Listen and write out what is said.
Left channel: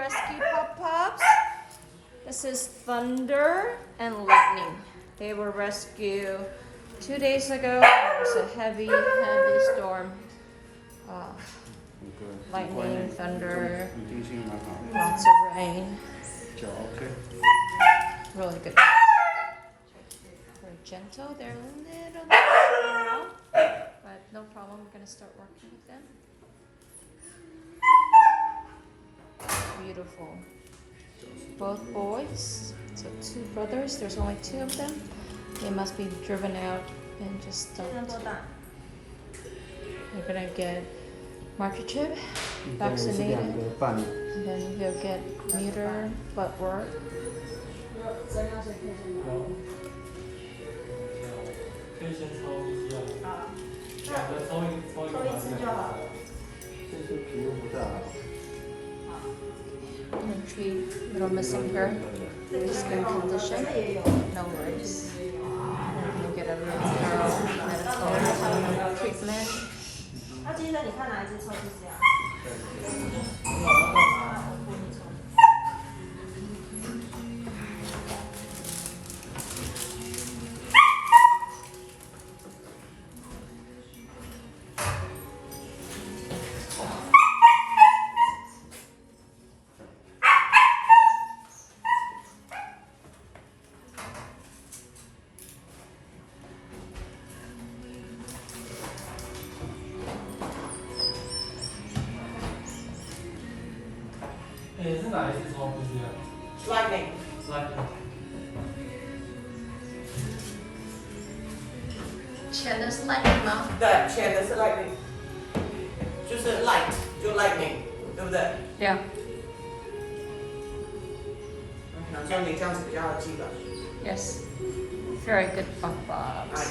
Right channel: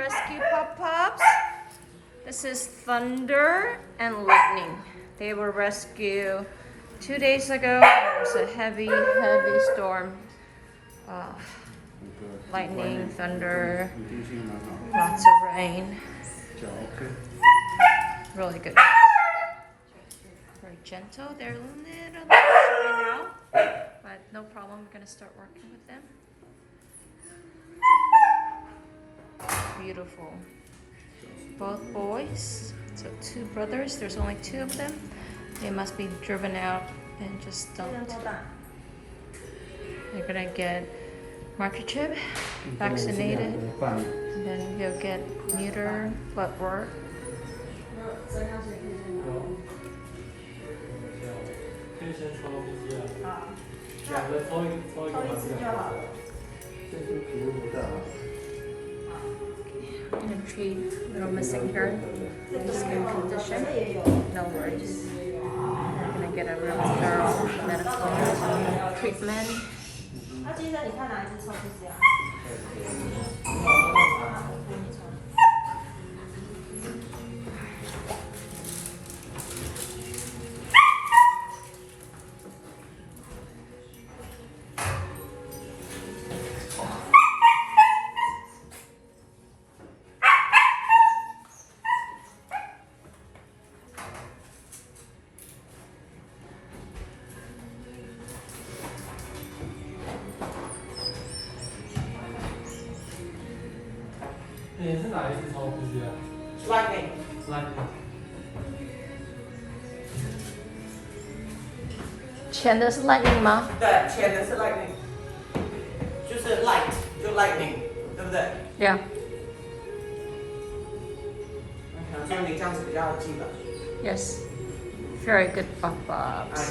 rescue pop-pops. This is Thunder and Lightning. They were rescued 2 days ago. There was a heavy storm. Lightning, thunder, lots of rain. Really good. Very gentle. They're a little bit now, but no problem. We're gonna start working with them. Beautiful. Both boys. So 2 brothers. There's only 2 of them. They must be driven out and just dumped. They're gonna get microchip, vaccinated, and then he'll get neuter, blood work. Entry, little missing here. Skin condition. No worries. I'm gonna get a really thorough medical treatment. 那今天你看哪一只抽屉是这样？是哪一只抽出去的 Lightning。 前的是 Lightning 吗？对，前的是 Lightning， 就是 light 就 Lightning， 对不对？ Yeah. 好像你这样子比较记得。 Yes. Very good pop-ups.